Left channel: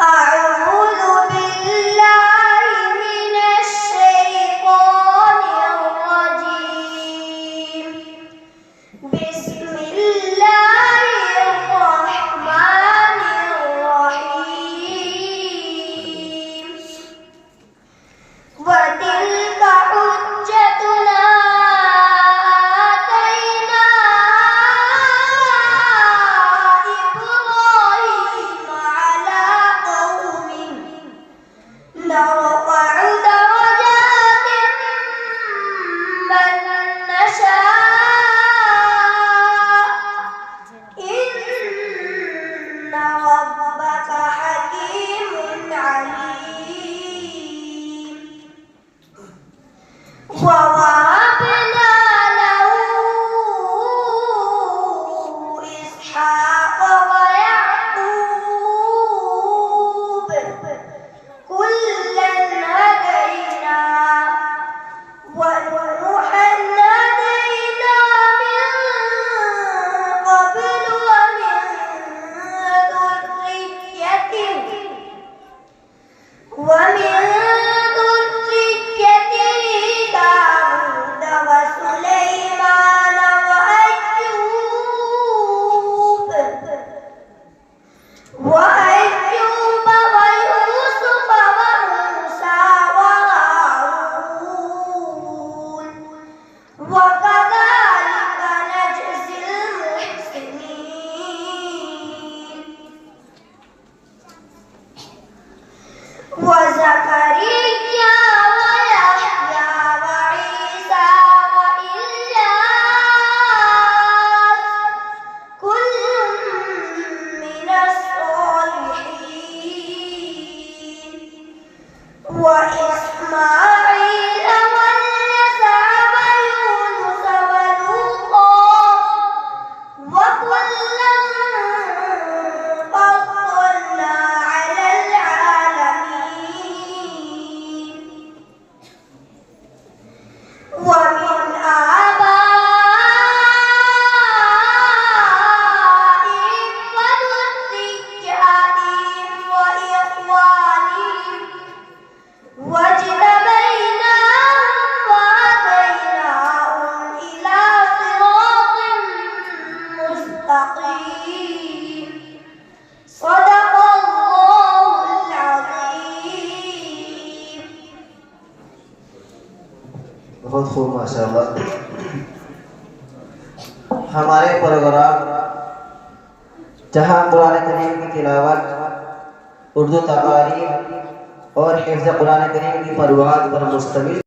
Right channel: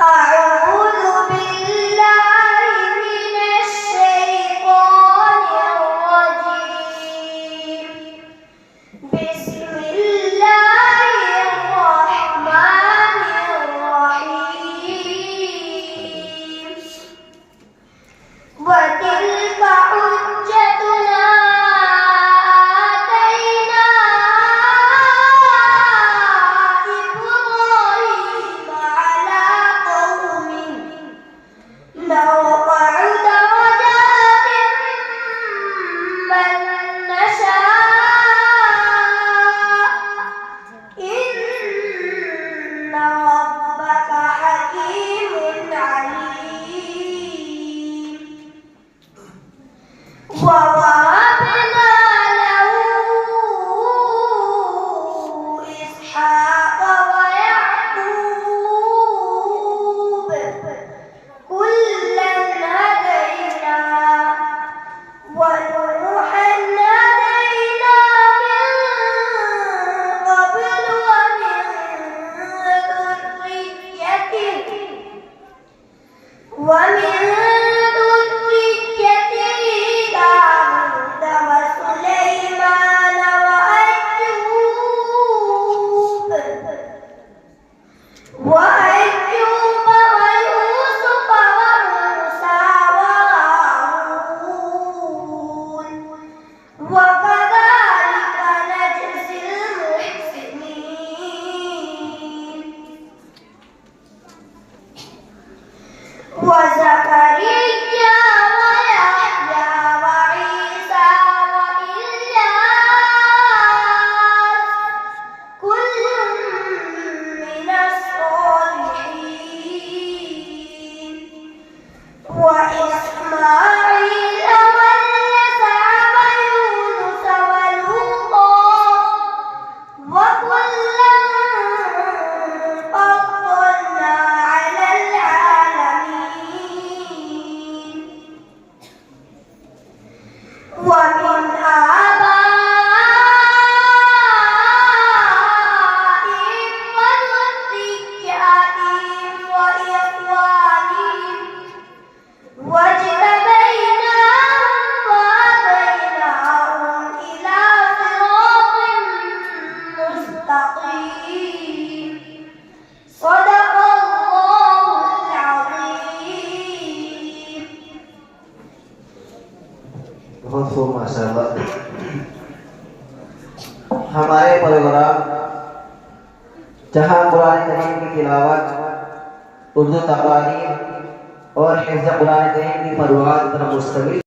أعوذ بالله من الشيطان الرجيم. بسم الله الرحمن الرحيم. وتلك حجتنا آتيناها إبراهيم على قومه نرفع درجات من نشاء إن ربك حكيم عليم. ووهبنا له إسحاق ويعقوب كلا هدينا ونوحا هدينا من قبل ومن ذريته داود وسليمان وأيوب ويوسف وموسى وهارون وكذلك نجزي المحسنين. وزكريا ويحيى وعيسى وإلياس كل من الصالحين. وإسماعيل واليسع ويونس ولوطا وكلا فضلنا على العالمين. ومن آبائهم وذرياتهم وإخوانهم واجتبيناهم وهديناهم إلى صراط مستقيم. صدق الله العظيم. बहुत खूब माशाअल्लाह। हमारे परवरा जहाँ कुरान करीम की तिलावत, उर्दू तकारीर और हिफ्ज़ कुरान करीम की फरवाद पर मुश्तमिल